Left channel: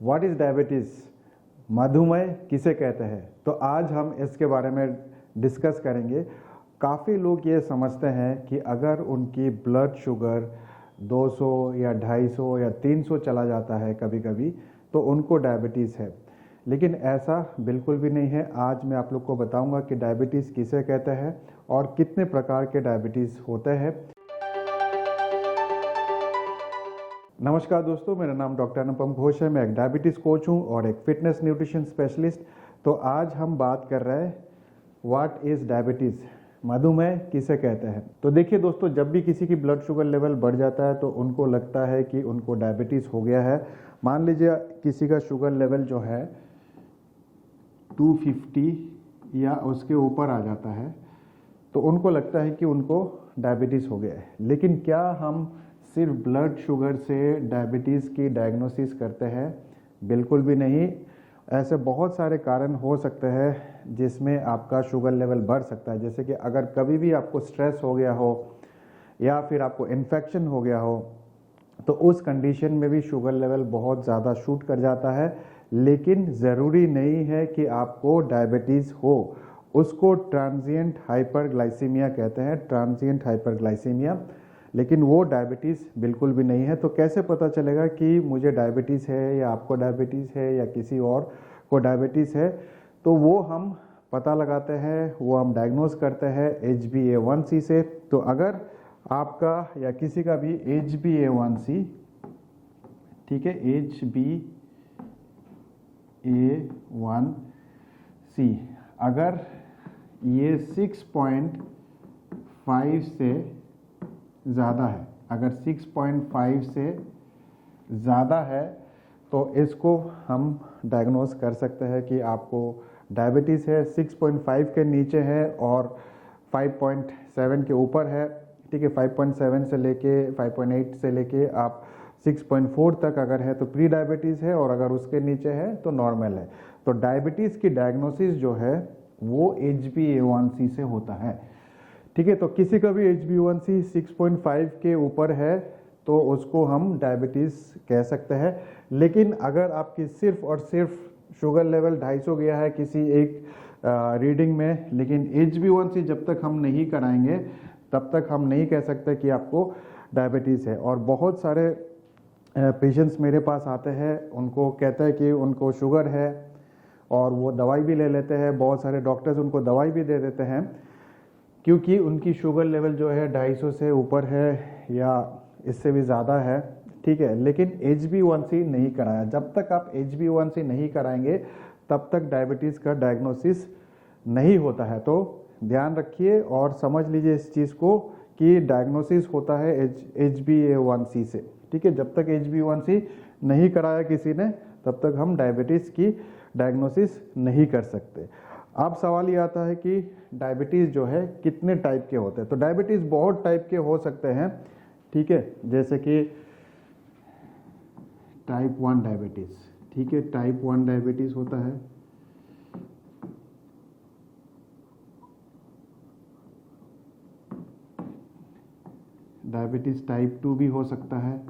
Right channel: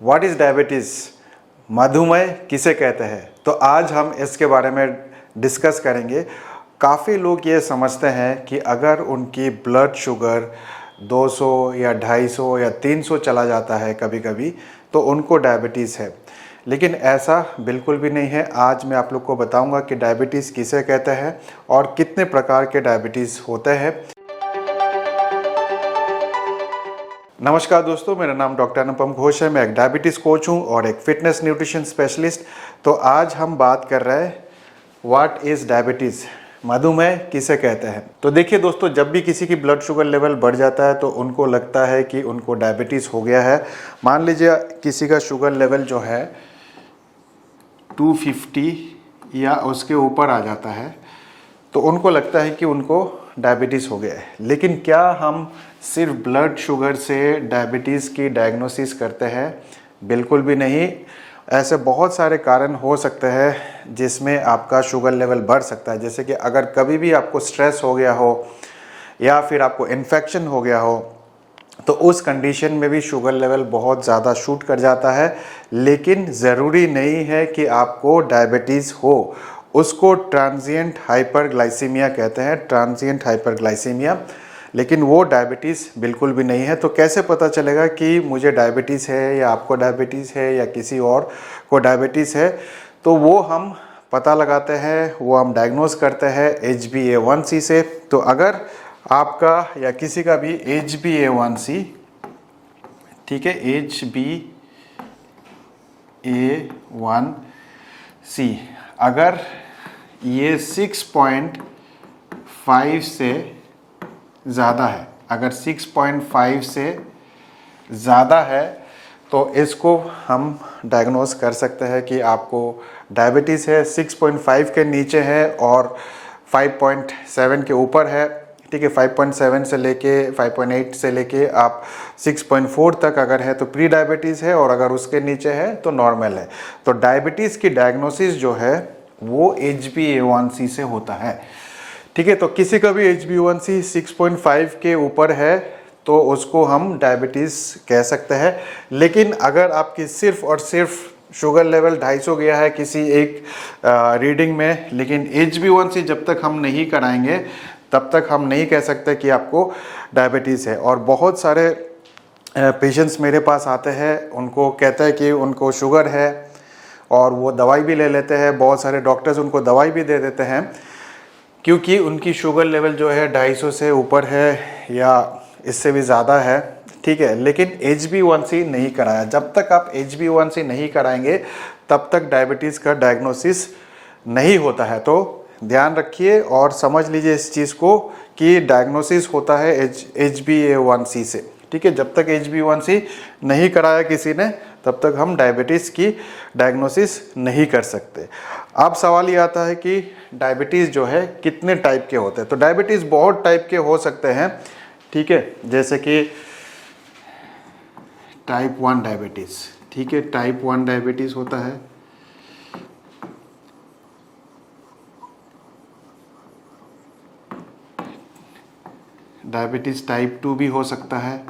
What is diabetes, मधुमेह किसे कहते हैं। तो आज हम इसके बारे में डिस्कस करेंगे। काफ़ी लोग ये समझते हैं कि अगर उनकी ब्लड शुगर 200 या 250 या 300 चला जाता है कभी कभी, तो उनको डायबिटीज़ है। लेकिन ऐसा बिल्कुल भी नहीं है। आज मैं आप लोग को बताऊंगा कि डायबिटीज़ किसे कहते हैं और कितने प्रकार के डायबिटीज़ होते हैं। नमस्कार दोस्तों, मेरा नाम डॉक्टर अनुपम घोष है। मैं एक डायबिटीज़ कोच हूँ और एक फिटनेस न्यूट्रिशन स्पेशलिस्ट। तो आज हम बात कर रहे हैं व्हाट इज़ डायबिटीज़, मधुमेह किसे कहते हैं। तो देखिए दोस्तों, जब भी किसी की ब्लड शुगर लेवल बढ़ जाता है तो उनको लगता है कि उनको डायबिटीज़ हो गया है। मान लीजिए किसी का शुगर लेवल जो है 250 या उसके ऊपर आ जाता है तो उनको लगता है कि उनको डायबिटीज़ हो गया है। लेकिन क्या हम सिर्फ ब्लड शुगर से डायबिटीज़ की डायग्नोसिस करते हैं? बिल्कुल भी नहीं। ऐसे बहुत सारे कारण हो सकते हैं जिसमें आपका शुगर लेवल बढ़ सकता है। जैसे कि अगर कभी भी आपको स्ट्रेस हो गया हो या फिर आपको इन्फेक्शन हो गया हो तो उस कंडीशन में भी शुगर लेवल बहुत ज़्यादा शूट कर जाता है। लेकिन ज़रूरी नहीं है कि आपको डायबिटीज़ हो। उसको ट्रांजिएंट हाइपरग्लाइसीमिया कहते हैं, ट्रांजिएंट हाइपरग्लाइसीमिया। लेकिन वो डायबिटीज़ बिल्कुल भी नहीं है। तो कैसे पता चलेगा कि मुझे डायबिटीज़ है या आपको डायबिटीज़ है या किसी और को डायबिटीज़ है? तो वो हम पता लगाते हैं, वो हम डायग्नोस करते हैं HbA1c से। तो अगर आपका या किसी का भी HbA1c, ठीक है, HbA1c अगर ये 6.5 से ज़्यादा है, अगर 6.5 से ज़्यादा है तो इसको हम डायग्नोस कर सकते हैं कि आपको डायबिटीज़ है। 6.5 के नीचे है और 5.7 के ऊपर है, ठीक है, 5.7 से लेके 5.8 से लेके आप 6.4 तक अगर है तो प्री डायबिटीज़ है, और अगर उसके नीचे है तो नॉर्मल है। तो डायबिटीज़ की डायग्नोसिस जो है वो HbA1c से होता है, ठीक है। तो किसी का भी HbA1c 6.5 के ऊपर है तो उसको हम डायबिटीज़ कह सकते हैं। लेकिन अगर आपकी सिर्फ और सिर्फ शुगर लेवल 250 गया है किसी एक रीडिंग में, लेकिन HbA1c जब तक हम नहीं कराएंगे तब तक हम नहीं कह सकते कि आपको डायबिटीज़ है। और बहुत सारे पेशेंट्स मेरे पास आते हैं, उनको कहते हैं कि उनको शुगर है और वो दवाई भी ले लेते हैं। बहुत सारे डॉक्टर्स उनको दवाई भी दे देते हैं क्योंकि उनकी शुगर लेवल जो है 250 से ऊपर है या इससे भी ज़्यादा है, ठीक है। लेकिन HbA1c नहीं कराया। जब तक आप HbA1c नहीं कराएंगे तब तक डायबिटीज़ का डायग्नोसिस नहीं होता है। तो ध्यान रखिए और समझ लीजिए इस चीज़ को कि डायग्नोसिस होता है HbA1c से, ठीक है। जब तक HbA1c नहीं कराया किसी ने तब तक हम डायबिटीज़ की डायग्नोसिस नहीं कर सकते। अब सवाल ये आता है कि डायबिटीज़ जो है कितने टाइप के होते हैं। तो डायबिटीज़ बहुत टाइप के हो सकते हैं, ठीक है। जैसे कि टाइप 1 डायबिटीज़, ठीक है, टाइप 1 डायबिटीज़ होता है। डायबिटीज़ टाइप 2 भी हो सकता है।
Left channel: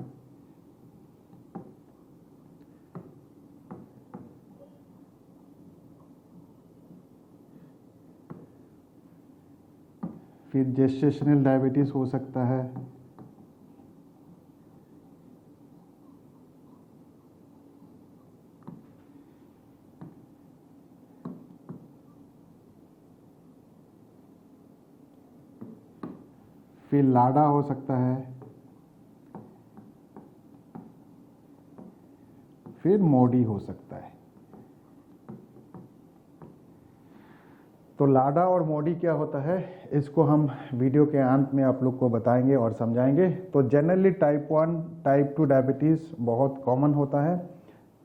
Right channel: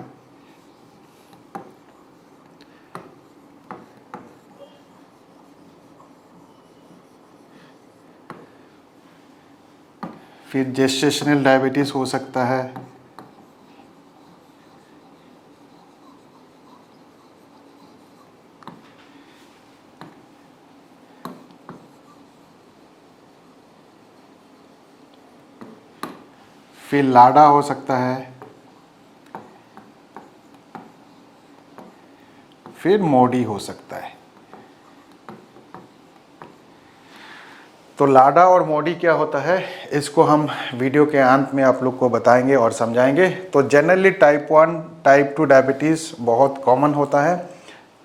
फिर जेस्टेशनल डायबिटीज़ हो सकता है। फिर लाडा हो सकता है। फिर मोडी हो सकता है। तो लाडा और मोडी क्या होता है इसको हम वीडियो के अंत में आप लोग को बताएंगे और समझाएंगे। तो जनरली टाइप 1 टाइप 2 डायबिटीज़ बहुत कॉमन होता है,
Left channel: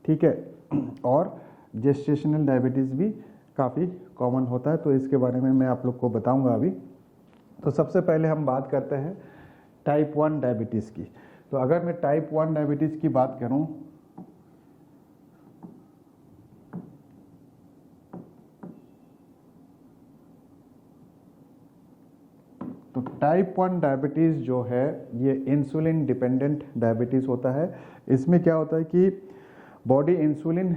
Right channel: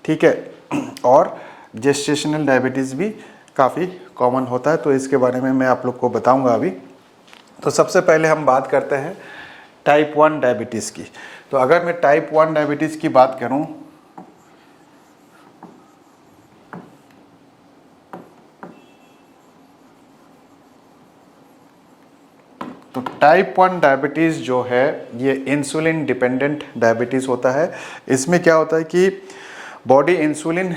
ठीक है, और जेस्टेशनल डायबिटीज़ भी काफ़ी कॉमन होता है। तो इसके बारे में मैं आप लोग को बताऊंगा अभी। तो सबसे पहले हम बात करते हैं टाइप 1 डायबिटीज़ की। तो अगर मैं टाइप 1 डायबिटीज़ की बात करूं तो टाइप 1 डायबिटीज़ जो है ये इंसुलिन डिपेंडेंट डायबिटीज़ होता है। इसमें क्या होता है कि बॉडी इंसुलिन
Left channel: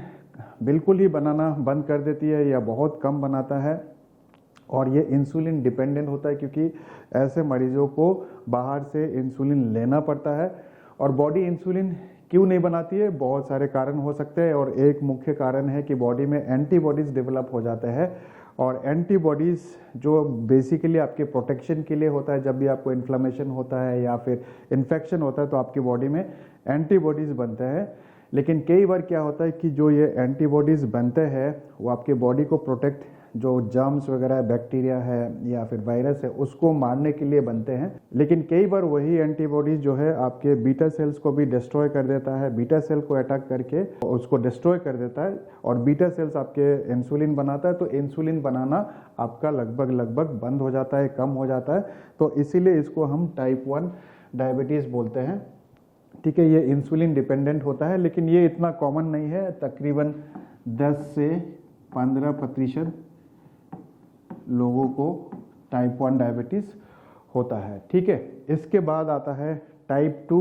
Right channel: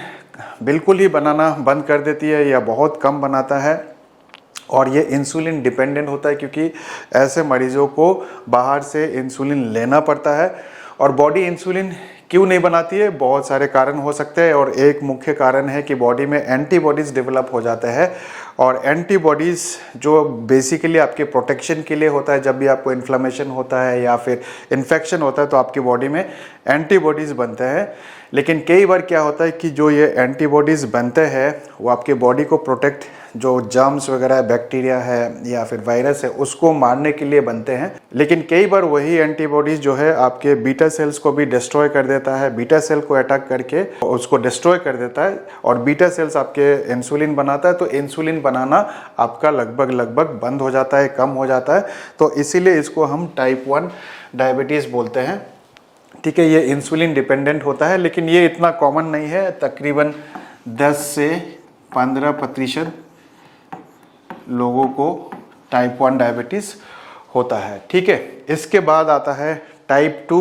बिल्कुल ही बनाना बंद कर देती है या बहुत कम बनाता है, और ये इंसुलिन डिपेंडेंट होता है क्योंकि ऐसे मरीज़ों को बाहर से इंसुलिन लेना पड़ता है। और बॉडी इंसुलिन क्यों नहीं बनाती है, बहुत सारे कारण हो सकते हैं, और एक मुख्य कारण है कि बॉडी में एंटीबॉडीज़ डेवलप हो जाते हैं। और एंटीबॉडीज़ जो बेसिकली आपके प्रोटेक्शन के लिए होता है, जब भी आपको इन्फ्लेमेशन होता है या फिर इन्फेक्शन होता है तो आपकी बॉडी में एंटीबॉडीज़ बनते हैं। लेकिन कई बार क्या होता है कि जो ये एंटीबॉडीज़ बनते हैं वो आपके बॉडी को प्रोटेक्ट, जो जर्म्स वगैरह बैक्टीरिया है या फिर वायरस है उसको मारने के लिए बनते हैं। लेकिन कई बार वही एंटीबॉडीज़ जो है आपके बीटा सेल्स को भी डिस्ट्रॉय कर देता है, बीटा सेल को अटैक करके उसको डिस्ट्रॉय कर देता है, और बीटा सेल्स आपके इंसुलिन बनाता है, तो इंसुलिन बनाना आपका लगभग बंद हो जाता है, कम हो जाता है। तो इसीलिए इसको हम टाइप 1 डायबिटीज़ बोलते हैं। ठीक है, ये इंसुलिन डिपेंडेंट होता है, लेकिन ये इतना कॉमन नहीं है। तकरीबन 10 से 15% लोगों को टाइप 1 डायबिटीज़ होता है। ठीक है, इसके बाद आता है टाइप 2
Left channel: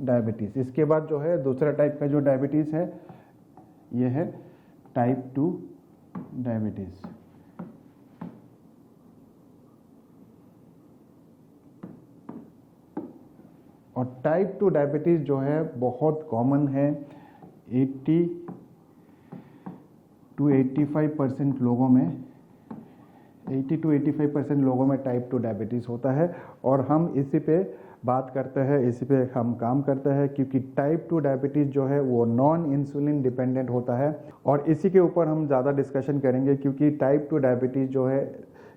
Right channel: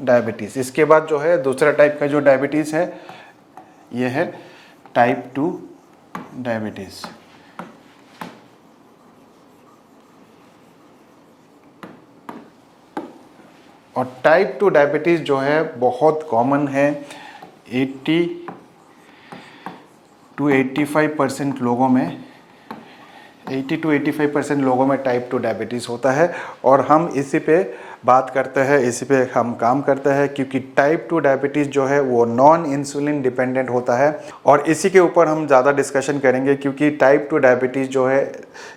डायबिटीज़। इसके बाद जो है दूसरा टाइप का जो डायबिटीज़ है ये है टाइप 2 डायबिटीज़। और टाइप 2 डायबिटीज़ जो है बहुत कॉमन है, 80 to 85% लोगों में, 80 to 85% लोगों में टाइप 2 डायबिटीज़ होता है। और हम इसी पे बात करते हैं, इसी पे हम काम करते हैं, क्योंकि टाइप 2 डायबिटीज़ जो है वो नॉन इंसुलिन डिपेंडेंट होता है। और इसी के ऊपर हम ज़्यादा डिस्कशन करेंगे, क्योंकि टाइप 2 डायबिटीज़ जो है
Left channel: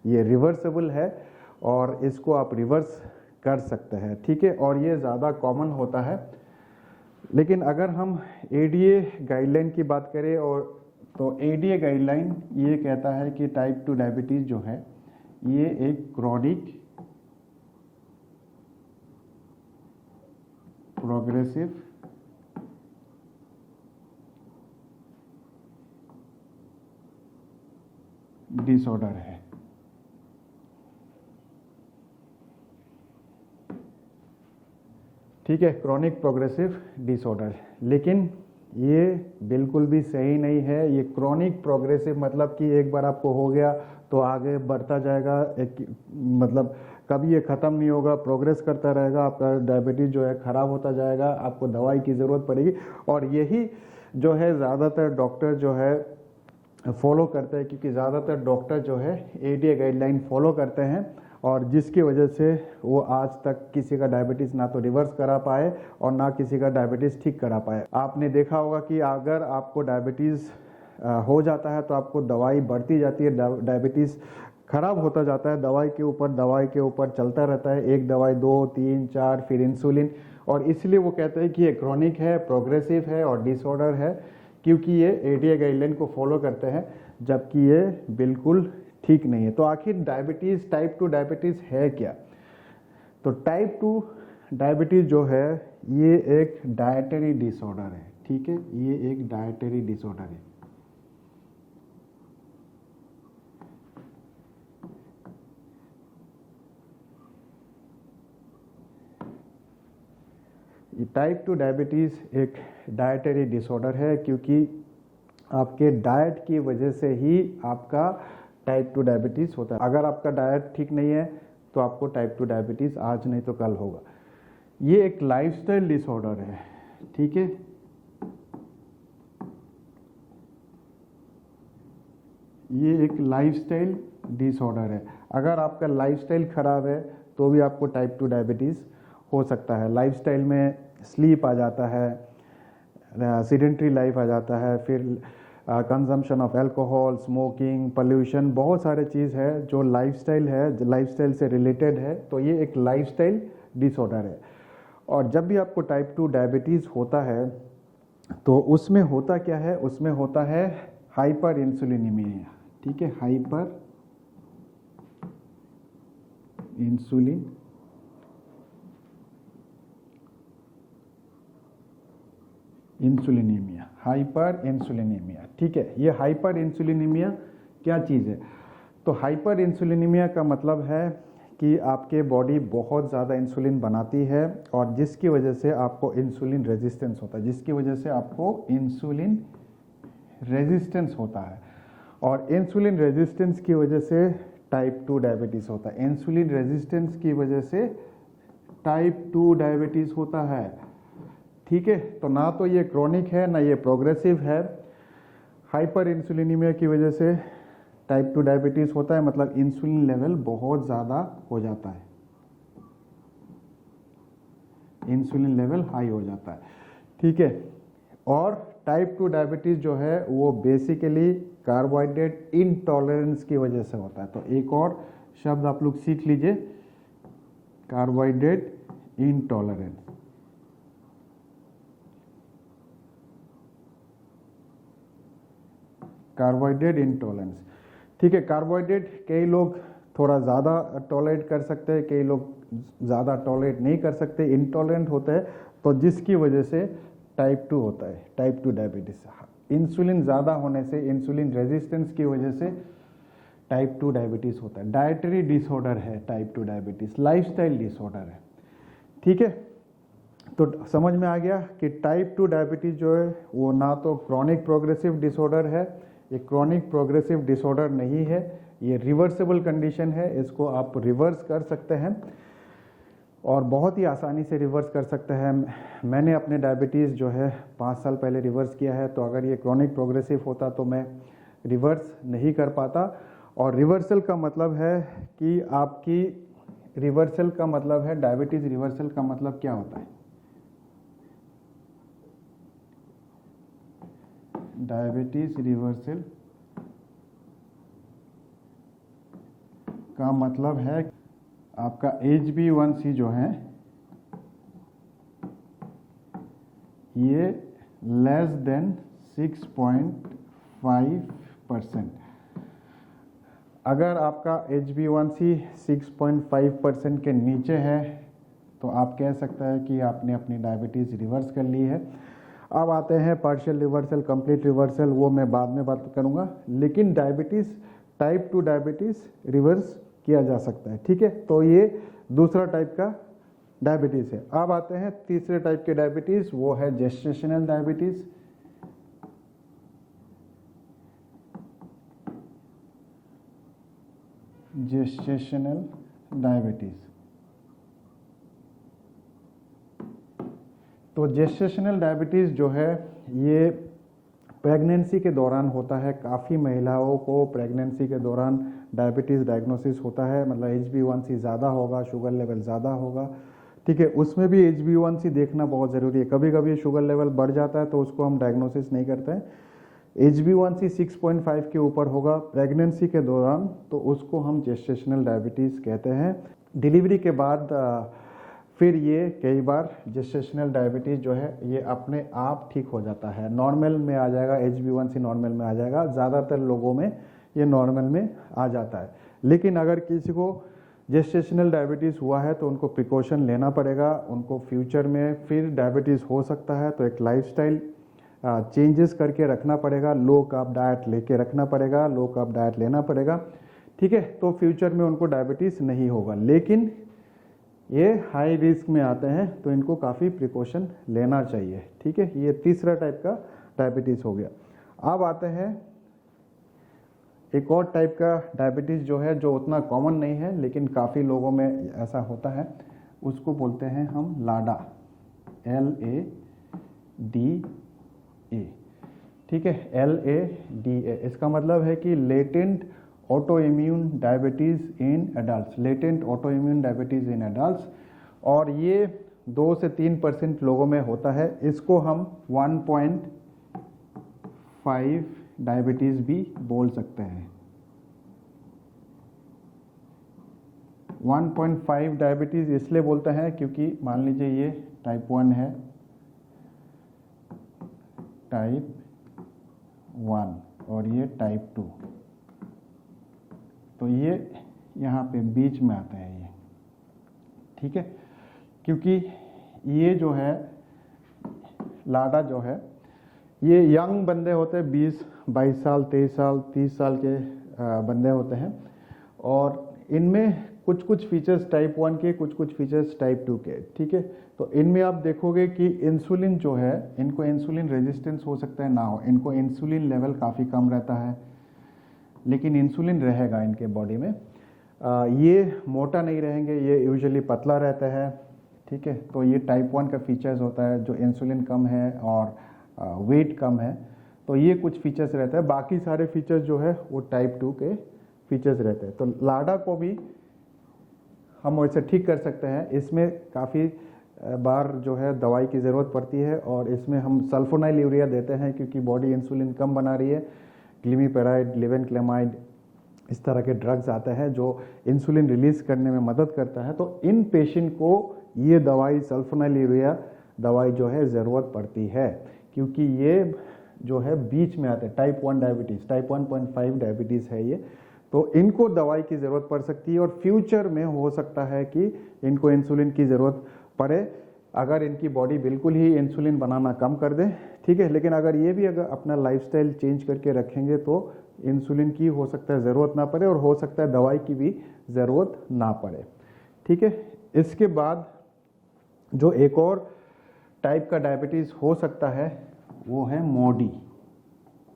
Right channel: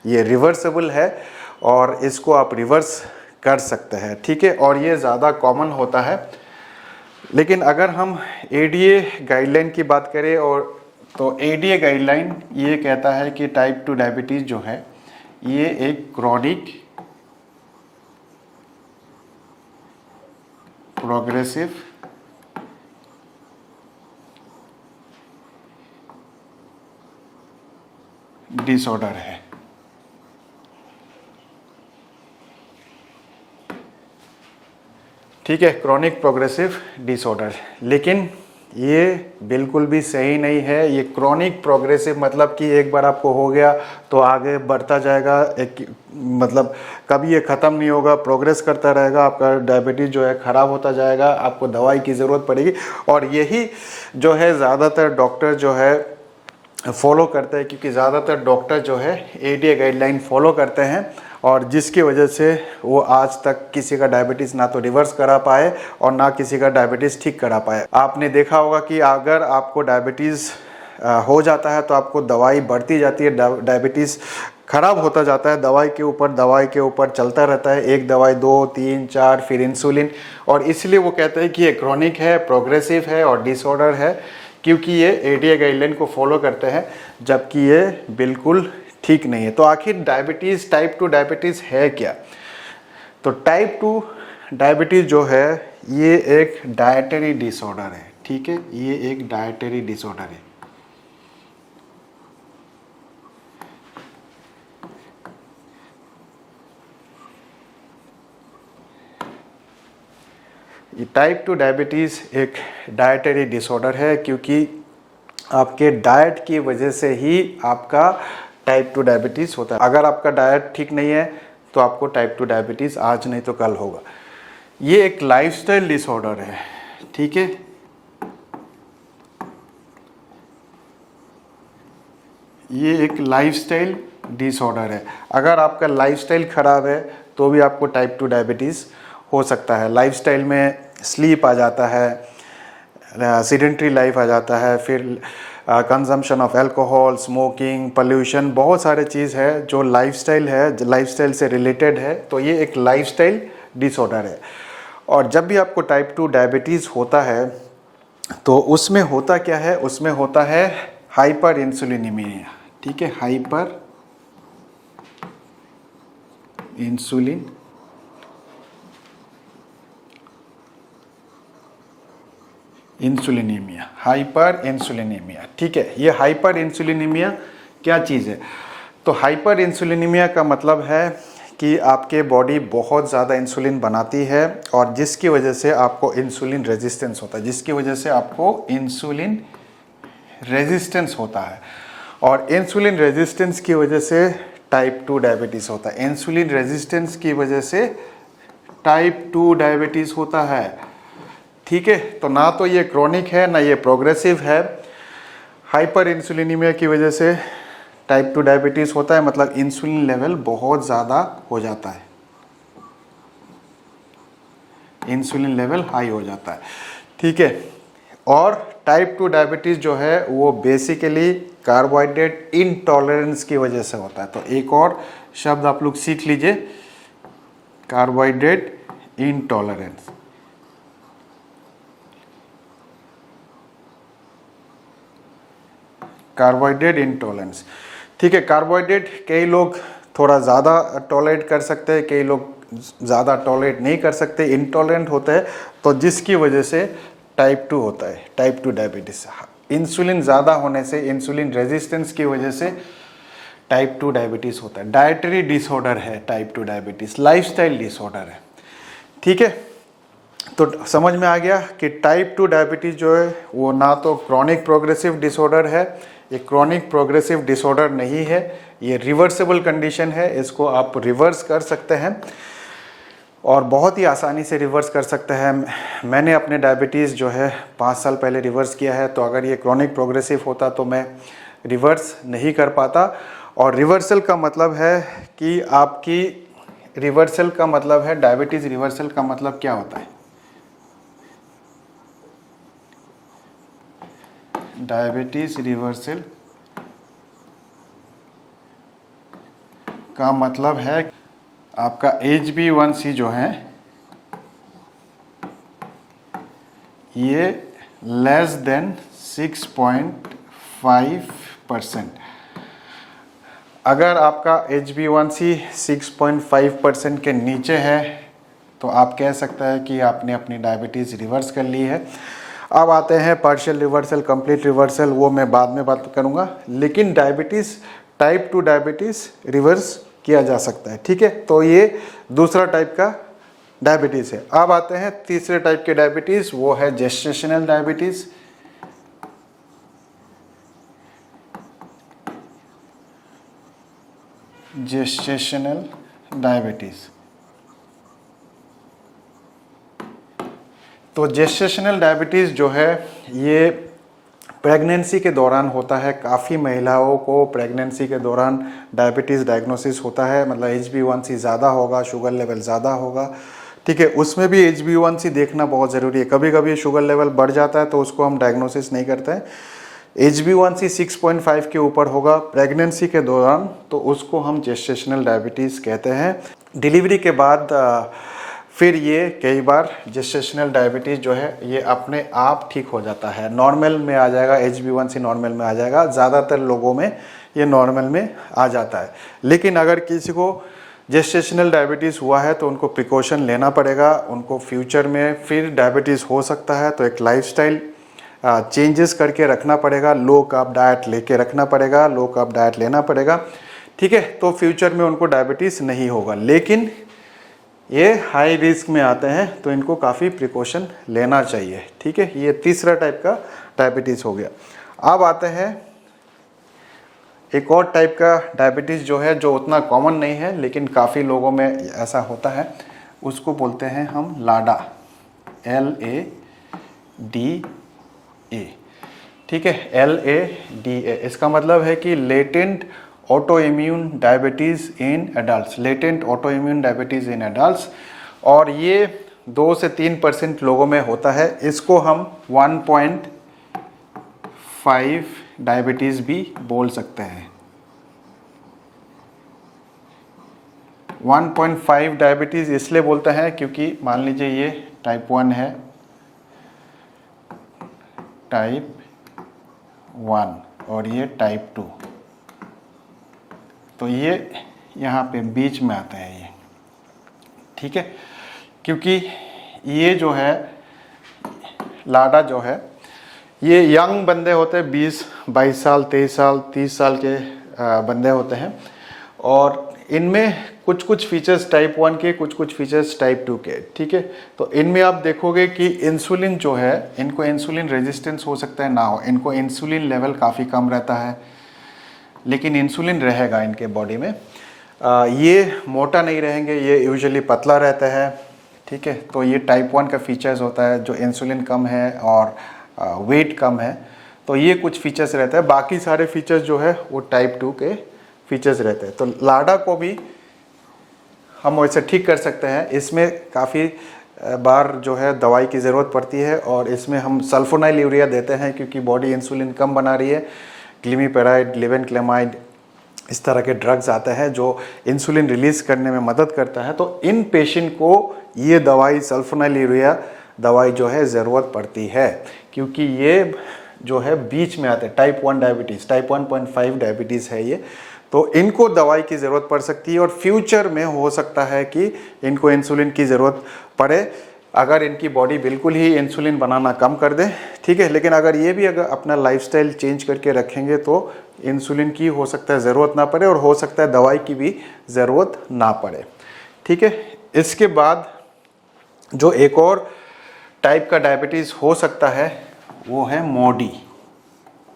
ये रिवर्सेबल है और इसको आप रिवर्स कर सकते हैं। ठीक है, और ये ज़्यादा कॉमन होता है। लेकिन अगर हम एडीए गाइडलाइन की बात करें, और तो एडीए गाइडलाइन ये कहता है कि टाइप 2 डायबिटीज़ जो है ये एक क्रॉनिक प्रोग्रेसिव डिसऑर्डर है। ठीक है, क्रॉनिक प्रोग्रेसिव डिसऑर्डर। लेकिन ये बिल्कुल भी सही नहीं है। ये क्रॉनिक प्रोग्रेसिव मतलब कि एक बार आपको हो गया तो आगे बढ़ता जाएगा, एक मतलब कभी ये ख़त्म नहीं होगा, प्रोग्रेस करता रहेगा, आपका डायबिटीज़ जो है ख़राब होता जाएगा, आपको दवाई की ज़रूरत पड़ेगी। और यही जो है ज़्यादातर डॉक्टर जो है फॉलो करते हैं, क्योंकि ज़्यादातर डॉक्टर जो है एडीए गाइडलाइन फॉलो करते हैं, और जिसकी वजह से वो आज तक किसी का डायबिटीज़ ना तो रिवर्स करा पाए और ना किसी का डायबिटीज़ ठीक करा पाए। आपने देखा होगा कि अगर आपको डायबिटीज़ हो जाता है तो आपको दवाई बढ़ती जाती है, डायबिटीज़ ख़राब होता जाता है, दवाई के ऊपर चलता रहता है, एक दवाई 2 3 4 फिर इंसुलिन। और इसलिए वो कहते हैं कि ये क्रॉनिक है, प्रोग्रेसिव है और डिसऑर्डर है, क्योंकि ये एडीए गाइडलाइन को फॉलो करते हैं, जबकि ये बिल्कुल ठीक नहीं है। तो आखिर डायबिटीज़, टाइप 2 डायबिटीज़ है क्या? तो टाइप 2 डायबिटीज़ जो है ये एक डाइटरी डिसऑर्डर है। ठीक है, ये एक डाइटरी डिसऑर्डर है। ये टाइप 2 डायबिटीज़ एक डाइटरी डिसऑर्डर है, क्योंकि आपके डाइट की वजह से ही आपका टाइप 2 डायबिटीज़ होता है। अगर आपका डाइट ठीक नहीं है तो आपको टाइप 2 डायबिटीज़ आज नहीं तो कल होगा। ये एक लाइफस्टाइल डिसऑर्डर है। ठीक है, ये एक लाइफस्टाइल डिसऑर्डर है। अगर आपका लाइफस्टाइल ख़राब है तो भी आपको टाइप 2 डायबिटीज़ हो सकता है। लाइफस्टाइल में स्लीप आ जाता है, सीडेंट्री लाइफ आ जाता है, फिर consumption of alcohol, smoking, pollution, बहुत सारे चीज़ है जो लाइफस्टाइल है, लाइफस्टाइल से रिलेटेड है। तो ये एक लाइफस्टाइल डिसऑर्डर है। और जब भी आपको टाइप 2 डायबिटीज़ होता है तो उसमें होता क्या है, उसमें होता है हाइपर इंसुलिनीमिया। ठीक है, हाइपर इंसुलिन इंसुलिनीमिया, हाइपर इंसुलिनीमिया। ठीक है, ये हाइपर इंसुलिनीमिया क्या चीज़ है? तो हाइपर इंसुलिनीमिया का मतलब है कि आपके बॉडी बहुत ज़्यादा इंसुलिन बनाती है और जिसकी वजह से आपको इंसुलिन रेजिस्टेंस होता है, जिसकी वजह से आपको इंसुलिन रेजिस्टेंस होता है। और इंसुलिन रेजिस्टेंस की वजह से टाइप 2 डायबिटीज़ होता है। इंसुलिन रेजिस्टेंस की वजह से टाइप 2 डायबिटीज़ होता है। ठीक है, तो ना तो ये क्रॉनिक है ना ये प्रोग्रेसिव है। हाइपर इंसुलिनीमिया की वजह से टाइप 2 डायबिटीज़ होता है, मतलब इंसुलिन लेवल बहुत ज़्यादा हो जाता है, इंसुलिन लेवल हाई हो जाता है। ठीक है, और टाइप 2 डायबिटीज़ जो है वो बेसिकली कार्बोहाइड्रेट इंटॉलरेंस की वजह से होता है। तो एक और शब्द आप लोग सीख लीजिए, कार्बोहाइड्रेट इंटॉलरेंस। Carbohydrate intolerance. ठीक है, कार्बोहाइड्रेट कई लोग थोड़ा ज़्यादा टॉलरेट कर सकते हैं, कई लोग ज़्यादा टॉलरेट नहीं कर सकते, इंटॉलरेंट होते हैं, तो जिसकी वजह से टाइप 2 होता है, टाइप 2 डायबिटीज़। इंसुलिन ज़्यादा होने से, इंसुलिन रेजिस्टेंस की वजह से टाइप 2 डायबिटीज़ होता है। डाइटरी डिसऑर्डर है टाइप 2 डायबिटीज़, लाइफस्टाइल डिसऑर्डर है। ठीक है, तो समझ में आ गया कि टाइप 2 डायबिटीज़ जो है वो ना तो क्रॉनिक प्रोग्रेसिव डिसऑर्डर है, ये क्रॉनिक प्रोग्रेसिव डिसऑर्डर नहीं है, ये रिवर्सेबल कंडीशन है। इसको आप रिवर्स कर सकते हैं और बहुत ही आसानी से रिवर्स कर सकते हैं। मैंने अपने डायबिटीज़ जो है 5 साल पहले रिवर्स किया है, तो अगर ये क्रॉनिक प्रोग्रेसिव होता तो मैं रिवर्स नहीं कर पाता। और रिवर्सल का मतलब है कि आपकी, रिवर्सल का मतलब है, डायबिटीज़ रिवर्सल का मतलब क्या होता है? डायबिटीज़ रिवर्सल का मतलब है आपका HbA1c जो है ये लेस देन 6.5%। अगर आपका HbA1c 6.5% के नीचे है तो आप कह सकते हैं कि आपने अपनी डायबिटीज़ रिवर्स कर ली है। अब आते हैं पार्शियल रिवर्सल, कंप्लीट रिवर्सल, वो मैं बाद में बात करूँगा। लेकिन डायबिटीज़, टाइप 2 डायबिटीज़ रिवर्स किया जा सकता है। ठीक है, तो ये दूसरा टाइप का डायबिटीज़ है। अब आते हैं तीसरे टाइप के डायबिटीज़, वो है जेस्टेशनल डायबिटीज़। जेस्टेशनल डायबिटीज़, तो जेस्टेशनल डायबिटीज़ जो है ये प्रेगनेंसी के दौरान होता है। काफ़ी महिलाओं को प्रेगनेंसी के दौरान डायबिटीज़ डायग्नोसिस होता है, मतलब HbA1c ज़्यादा होगा, शुगर लेवल ज़्यादा होगा। ठीक है, उसमें भी HbA1c देखना बहुत ज़रूरी है। कभी कभी शुगर लेवल बढ़ जाता है तो उसको हम डायग्नोसिस नहीं करते हैं। HbA1c 6.5 के ऊपर होगा प्रेगनेंसी के दौरान तो उसको हम जेस्टेशनल डायबिटीज़ कहते हैं। डिलीवरी के बाद फिर ये कई बार जेस्टेशनल डायबिटीज़ जो है ये अपने आप ठीक हो जाता है, नॉर्मल में आ जाएगा, HbA1c नॉर्मल में आ जाएगा। ज़्यादातर लोगों में ये नॉर्मल में आ जाता है। लेकिन अगर किसी को जेस्टेशनल डायबिटीज़ हुआ है तो उनको प्रिकॉशन लेना पड़ेगा, उनको फ्यूचर में फिर डायबिटीज़ हो सकता है, तो एक लाइफस्टाइल चेंजेस करके रखना पड़ेगा, लो कार्ब डाइट लेके रखना पड़ेगा, लो कार्ब डाइट लेना पड़ेगा। ठीक है, तो फ्यूचर में उनको डायबिटीज़ नहीं होगा। लेकिन ये हाई रिस्क में आते हैं तो इनको काफ़ी प्रिकॉशन लेना चाहिए। ठीक है, ये तीसरा टाइप का डायबिटीज़ हो गया। अब आते हैं एक और टाइप का डायबिटीज़ जो है, जो उतना कॉमन नहीं है लेकिन काफ़ी लोगों में ऐसा होता है, उसको बोलते हैं हम लाडा, LADA। ठीक है, LADA, इसका मतलब है कि latent auto immune diabetes in adults, latent auto immune diabetes in adults. और ये 2 से 3% लोगों में होता है। इसको हम 1.5 डायबिटीज़ भी बोल सकते हैं। 1.5 डायबिटीज़ इसलिए बोलते हैं क्योंकि मान लीजिए ये टाइप 1 है, टाइप 1 और ये टाइप 2, तो ये यहाँ पे बीच में आते हैं ये। ठीक है, क्योंकि ये जो है लाडा जो है ये यंग बंदे होते हैं, 20-22 साल, 23 साल, 30 साल के बंदे होते हैं। और इनमें कुछ कुछ फीचर्स टाइप 1 के, कुछ कुछ फीचर्स टाइप 2 के, ठीक है। तो इनमें आप देखोगे कि इंसुलिन जो है, इनको इंसुलिन रेजिस्टेंस हो सकता है ना हो, इनको इंसुलिन लेवल काफ़ी कम रहता है, लेकिन इंसुलिन रहेगा इनके बॉडी में। ये मोटा नहीं रहेंगे, ये यूजुअली पतला रहता है, ठीक है। तो ये टाइप 1 का फीचर्स होता है, जो इंसुलिन कम है और वेट कम है, तो ये कुछ फीचर्स रहता है। बाकी सारे फीचर्स जो है वो टाइप 2 के फीचर्स रहते हैं। तो लाडा को भी हम वैसे ठीक कर सकते हैं। इसमें काफ़ी बार जो है दवाई की ज़रूरत पड़ती है, और इसमें हम सल्फोनाइल यूरिया देते हैं क्योंकि बॉडी इंसुलिन कम बना रही है। ग्लिमीपेराइड, लेवेनक्लेमाइड, इस तरह के ड्रग्स आते हैं जो इंसुलिन रिलीज़ करने में मदद करता है। तो इन पेशेंट को ये दवाई, सल्फोनाइल यूरिया दवाई जो है ज़रूरत पड़ती है, क्योंकि ये जो है बीच में आते हैं। टाइप 1 डायबिटीज़, टाइप 1.5 डायबिटीज़ है ये, तो इनको दवाई की ज़रूरत पड़ सकती है। और फ्यूचर में हो सकता है कि इनको इंसुलिन की ज़रूरत पड़े, अगर इनकी बॉडी बिल्कुल ही इंसुलिन बनाना कम कर दे, ठीक है। लेकिन अगर ये भी अगर अपना लाइफस्टाइल चेंज करके रखेंगे तो इंसुलिन की हो सकता है ज़रूरत ना पड़े, और हो सकता है दवाई की भी ज़रूरत ना पड़े, ठीक है। इसके बाद जो एक और टाइप का डायबिटीज़ हो सकता है वो है MODY,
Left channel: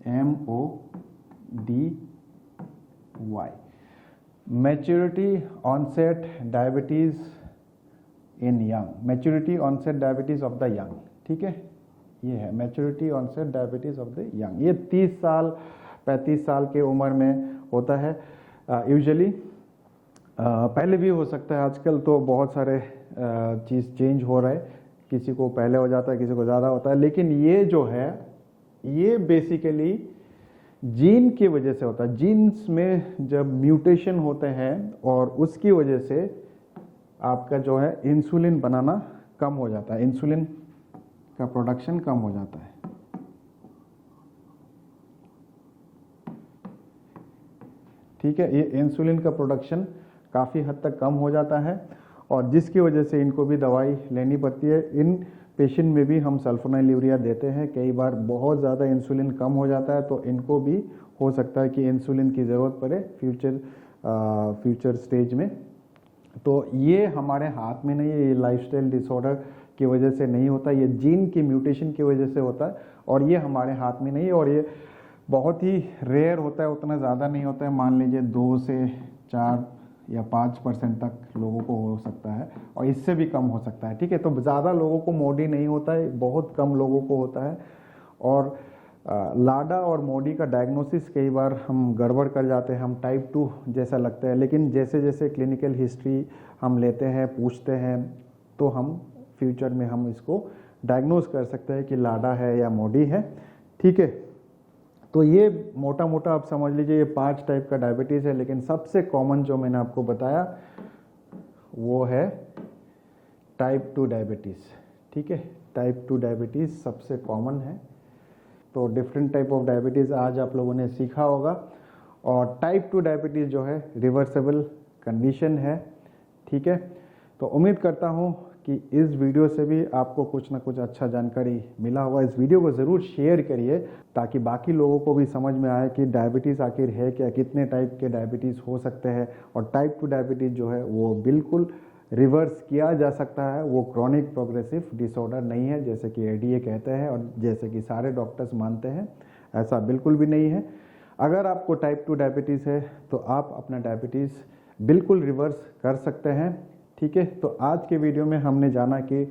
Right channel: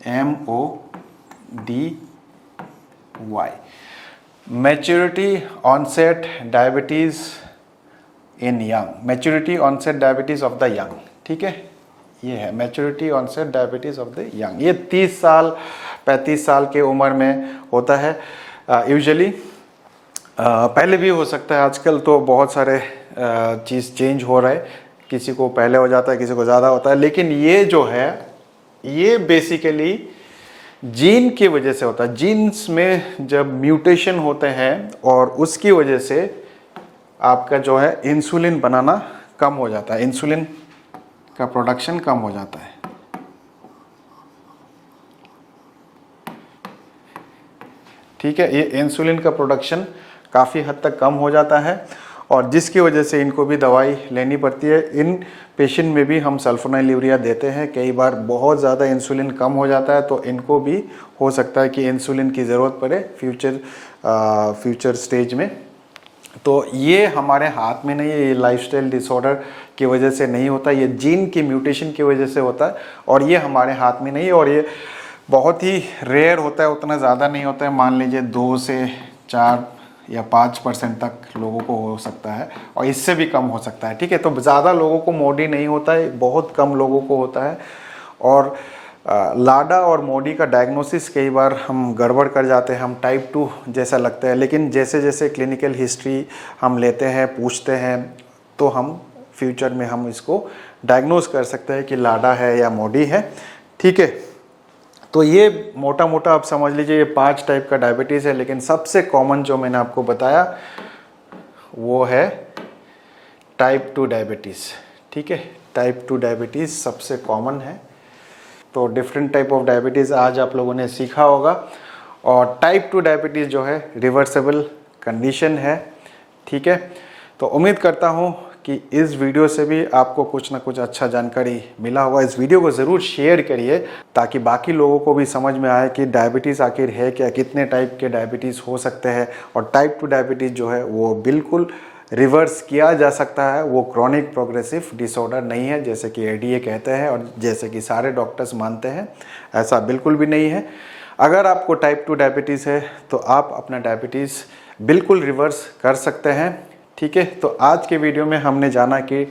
MODY, maturity onset diabetes in young, maturity onset diabetes of the young, ठीक है। ये है maturity onset diabetes of the young. ये 30 साल 35 साल के उम्र में होता है यूजुअली। पहले भी हो सकता है, आजकल तो बहुत सारे चीज़ चेंज हो रहा है, किसी को पहले हो जाता है, किसी को ज़्यादा होता है। लेकिन ये जो है ये बेसिकली जीन की वजह से होता है। जीन्स में जब म्यूटेशन होते हैं और उसकी वजह से आपका जो है इंसुलिन बनाना कम हो जाता है, इंसुलिन का प्रोडक्शन कम हो जाता है, ठीक है। ये इंसुलिन का प्रोडक्शन काफ़ी हद तक कम हो जाता है, और जिसकी वजह से इनको भी दवाई लेनी पड़ती है। इन पेशेंट में भी हम सल्फोनाइल यूरिया देते हैं। कई बार बहुत ज़्यादा इंसुलिन कम हो जाता है, तो इनको भी हो सकता है कि इंसुलिन की ज़रूरत पड़े फ्यूचर स्टेज में। तो ये हमारे हाथ में नहीं है, ये लाइफस्टाइल डिसऑर्डर की वजह से नहीं होता, ये जीन की म्यूटेशन की वजह से होता है, और ये हमारे हाथ में नहीं है। और ये बहुत ही रेयर होता है, उतना ज़्यादा नहीं होता है। मान लीजिए 2 से 4 या 5% तक लोगों को हो सकता है, और इससे भी कम हो सकता है, ठीक है। तो ज़्यादा लोगों को मोडी नहीं होता है, बहुत कम लोगों को होता है। और लाडा और मोडी का डायग्नोसिस कई बार हम गड़बड़ कर जाते हैं, हम टाइप 2 जैसा लगता है। लेकिन जैसे जैसे क्लिनिकल हिस्ट्री हम लेते हैं, पूछते हैं, तो हम फ्यूचर में हम इसको डायग्नोस कर सकते हैं कि लाडा है या मोडी है, ठीक है। तो ये मोटा मोटा आप समझ लीजिए ये 5 टाइप का डायबिटीज़ है। लेकिन सबसे कॉमन जो मैंने आपको बताया वो है टाइप 2 डायबिटीज़, ठीक है। टाइप 2 डायबिटीज़ सबसे कॉमन है। तो डिफरेंट टाइप ऑफ डायबिटीज़ आज आप लोगों ने सीखा होगा। और टाइप 2 डायबिटीज़ जो है रिवर्सेबल कंडीशन है, ठीक है। तो उम्मीद करता हूँ कि इस वीडियो से भी आपको कुछ ना कुछ अच्छा जानकारी मिला होगा। इस वीडियो को ज़रूर शेयर करिए ताकि बाकी लोगों को भी समझ में आए कि डायबिटीज़ आखिर है क्या, कितने टाइप के डायबिटीज़ हो सकते हैं। और टाइप 2 डायबिटीज़ जो है वो बिल्कुल रिवर्स किया जा सकता है, वो क्रॉनिक प्रोग्रेसिव डिसऑर्डर नहीं है जैसे कि एडीए कहते हैं और जैसे कि सारे डॉक्टर्स मानते हैं, ऐसा बिल्कुल भी नहीं है। अगर आपको टाइप 2 डायबिटीज़ है तो आप अपना डायबिटीज़ बिल्कुल रिवर्स कर सकते हैं, ठीक है। तो आज के वीडियो में हमने जाना कि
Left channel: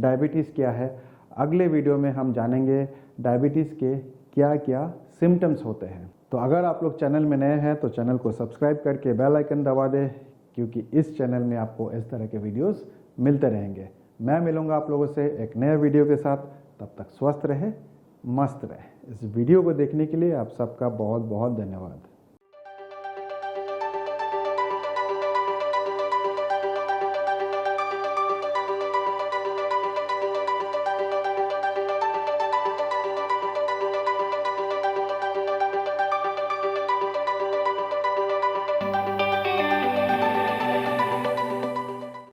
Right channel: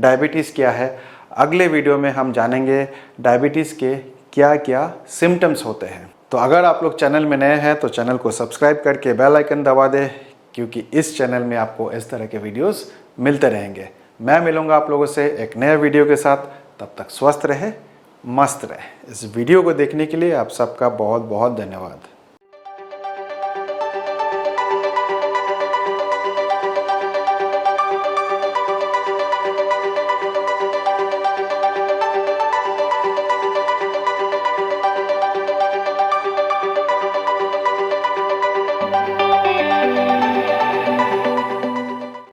डायबिटीज़ क्या है। अगले वीडियो में हम जानेंगे डायबिटीज़ के क्या क्या सिम्टम्स होते हैं। तो अगर आप लोग चैनल में नए हैं तो चैनल को सब्सक्राइब करके बेल आइकन दबा दें, क्योंकि इस चैनल में आपको इस तरह के वीडियोस मिलते रहेंगे। मैं मिलूंगा आप लोगों से एक नए वीडियो के साथ, तब तक स्वस्थ रहे, मस्त रहे। इस वीडियो को देखने के लिए आप सबका बहुत बहुत धन्यवाद।